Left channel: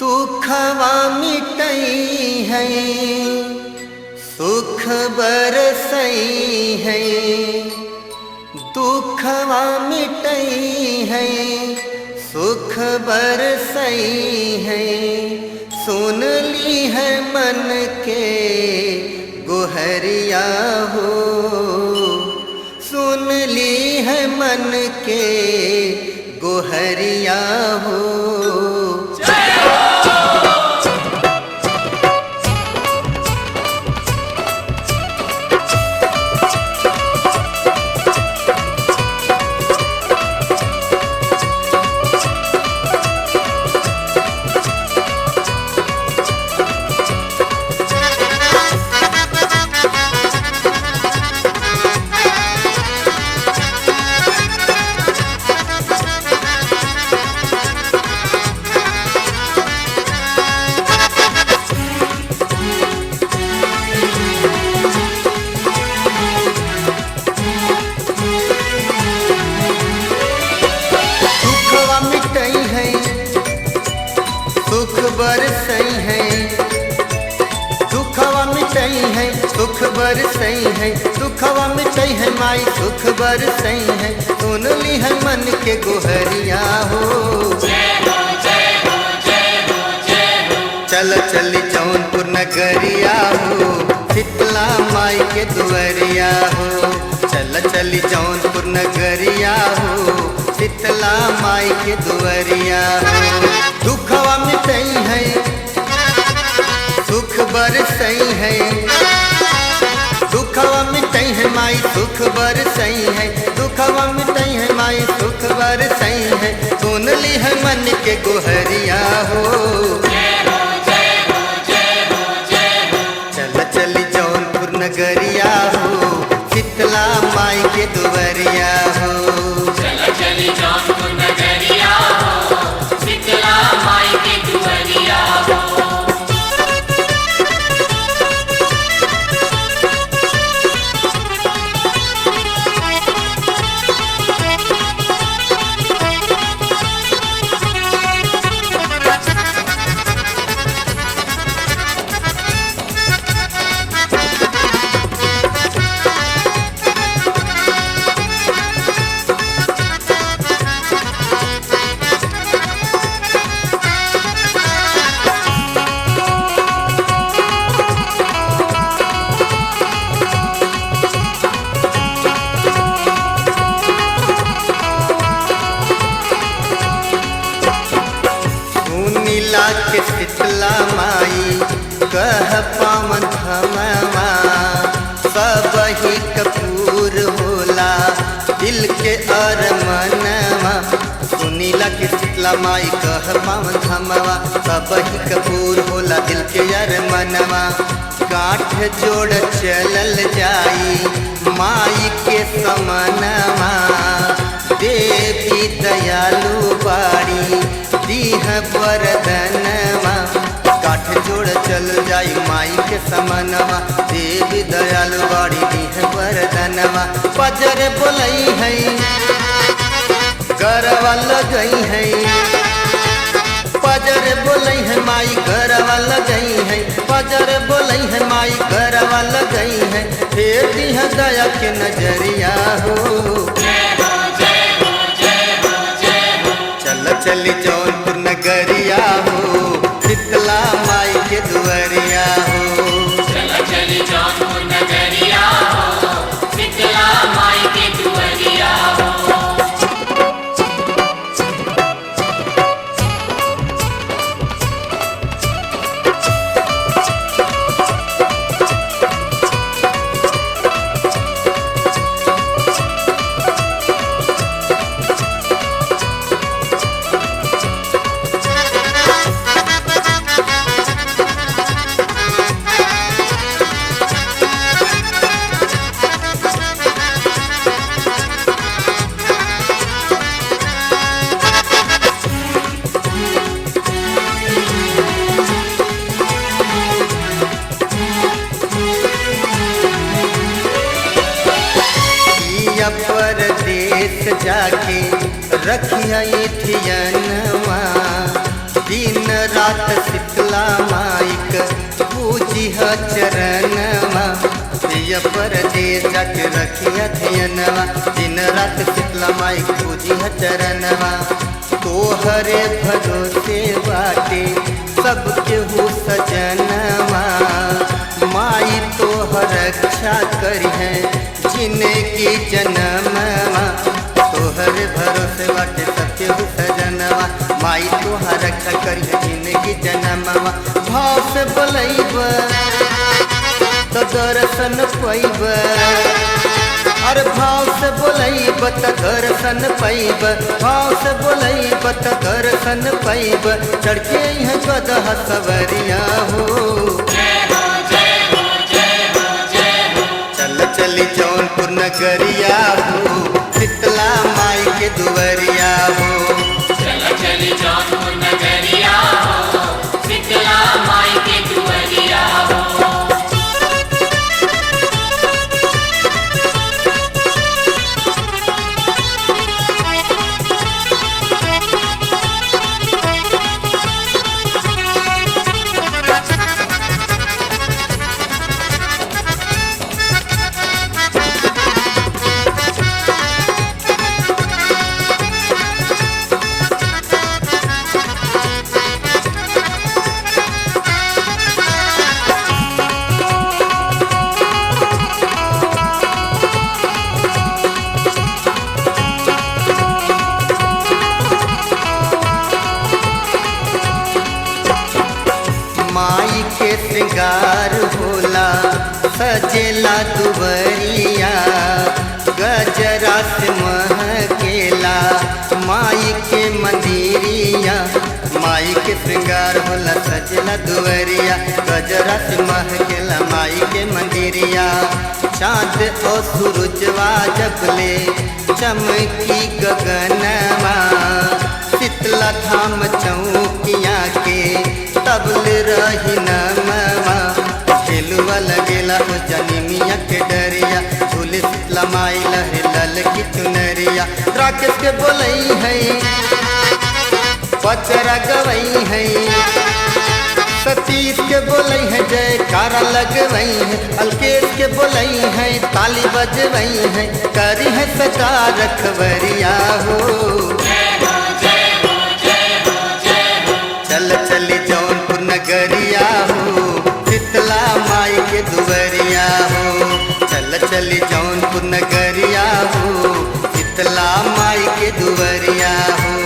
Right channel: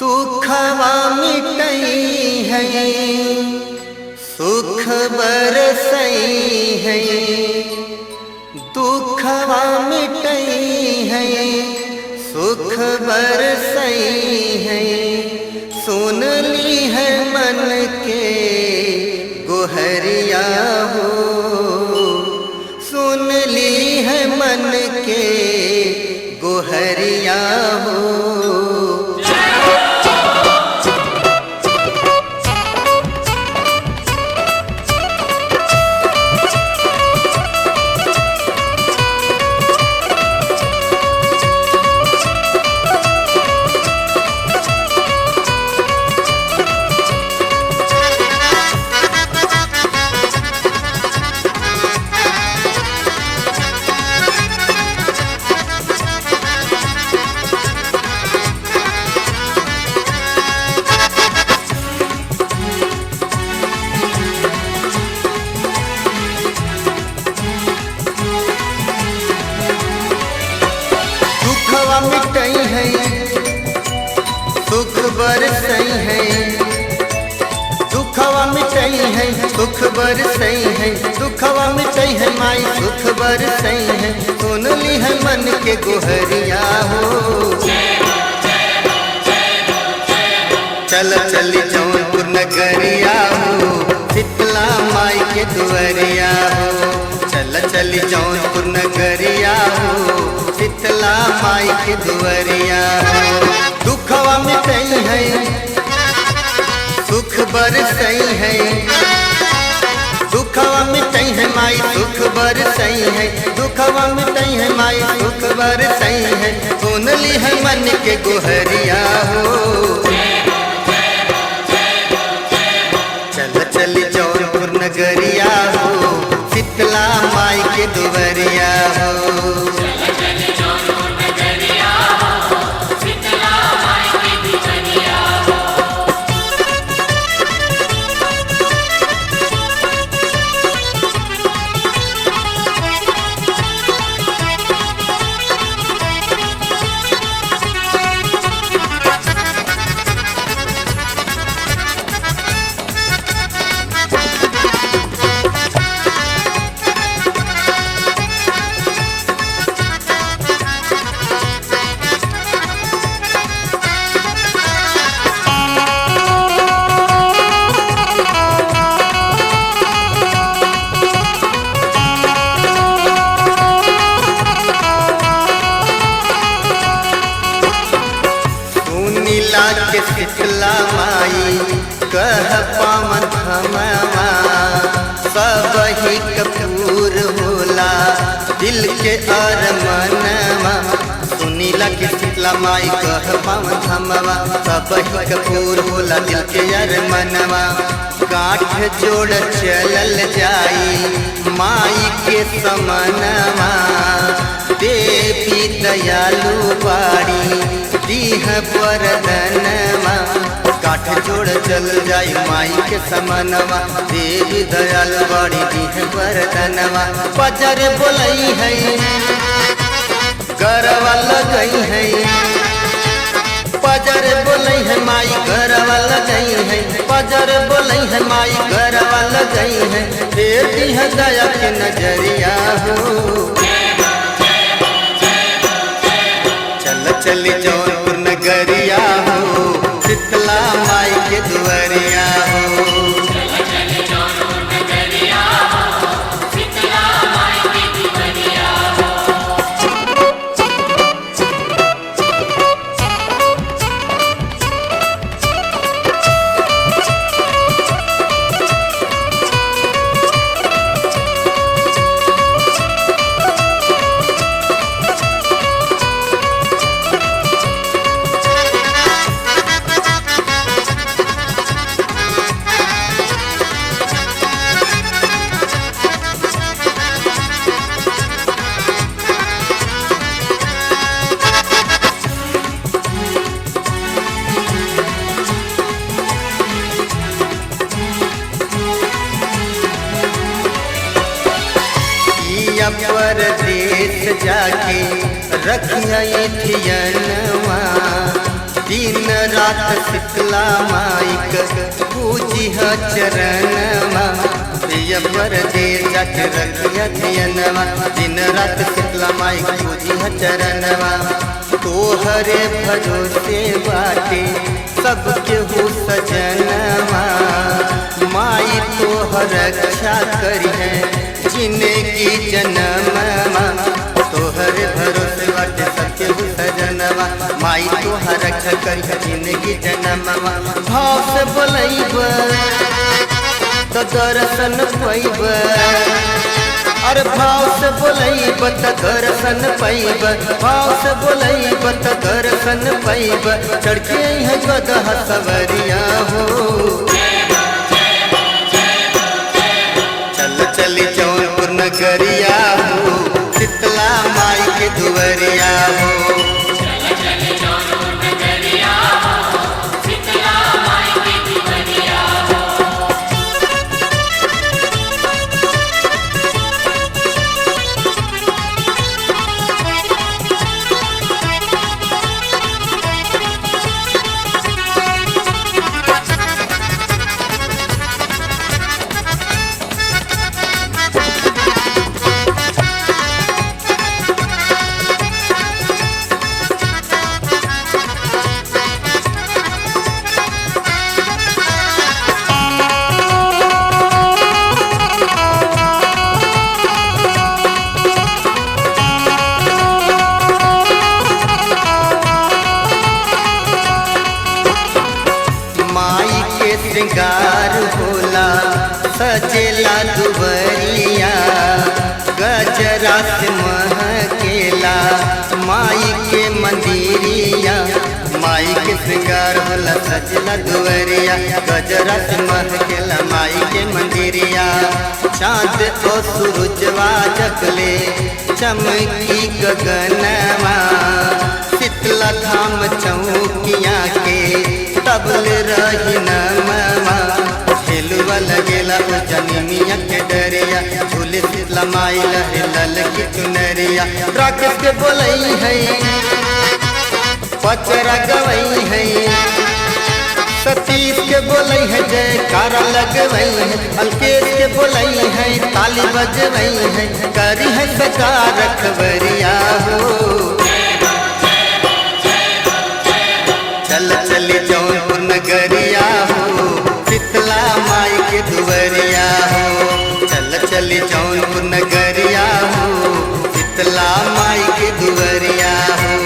दुखवा मिटई है सुख बरसई है, दुखवा मिटई है सुख बरसई है। सुन ली है मन के गोहरिया हो, सुन ली है मन के गोहरिया हो। दुखवा मिटई है सुख बरसई है, दुखवा मिटई है सुख बरसई है, दुखवा मिटई है माई सुख बरसई है। सुन ली है मन के गोहरिया हो, चल चली जौनपुर नगरिया हो, शीतला माई के दुआरिया हो। चल चली जौनपुर नगरिया हो, शीतला माई के दुआरिया हो। दुखवा मिटई है सुख बरसई है, दुखवा मिटई है माई सुख बरसई है, दुखवा मिटई है माई सुख बरसई है। सुन ली है मन के गोहरिया हो, चल चली जौनपुर नगरिया हो, शीतला माई के दुआरिया हो। चल चली जौनपुर नगरिया हो, शीतला माई के दुआरिया हो। नीला के शीतला माई कह पावन धमवा, सब ही कपूर होला दिल के अरमनवा। सुनीला के शीतला माई कह पावन धमवा, सब ही कपूर होला दिल के अरमनवा। गांठ जोड़ चलल जाई माई के समनवा, देवी दयालु बाड़ी दीह वरदनवा। काठ जोड़ चल जाई माई के समनवा, देवी दयालु बाड़ी दीह वरदनवा। पजर बोलई है गरवा लगई है, पजर बोलई है माई गरवा लगई है, पजर बोलई है माई गरवा लगई है। फेर दीह दया के नजरिया हो, चल चली जौनपुर नगरिया हो, शीतला माई के दुआरिया हो। चल चली जौनपुर नगरिया हो, शीतला माई के दुआरिया हो। पिया परदेस जाके रखिया धियनवा, दिन रात शीतला माई क पूजिह चरणवा प्रिय परदेस जाके रखिया धियनवा। दिन रात शीतला माई क पूजिह चरणवा तोहरे भरोसे बाटे सबके हो सजनवा। माई तोहर रक्षा करी है जिंदगी जनमवा तोहरे भरोसे बाटे सबके हो सजनवा। माई तोहर रक्षा करी है जिंदगी जनमवा। भाव से बोलैब तो दर्शन पैब अरे भाव से बोलैब तो दर्शन पैब। भाव से बोलैब तो दर्शन पैब चढ़के है गदहा सवरिया हो। चल चली जौनपुर नगरिया हो शीतला माई के दुवरिया हो। चल चली जौनपुर नगरिया हो शीतला माई के दुवरिया हो। माई के श्रृंगार होला सजेला दुवरिया गजरा से महकेला माई के मंदिरिया। माई के श्रृंगार होला सजेला दुवरिया गजरा से महकेला माई के मंदिरिया। चाँद और सूरजवा जबले चमकी गगनवा शीतला धाम चौकिया के तबल रही नमवा। झेलुआ लगेला ओ जनिमिया के डरिया झूले शीतला माई लहरे लल की चुनरिया। राकेश के बोलई है पचरा गवई है सतीश के बोलई है जयकारा लगवई है। अलकेश के बोलई है ताली बजवई है करी है सदा रखवरिया हो। चल चली जौनपुर नगरिया हो शीतला माई के दुवरिया हो। चल चली जौनपुर नगरिया हो शीतला माई के दुवरिया हो।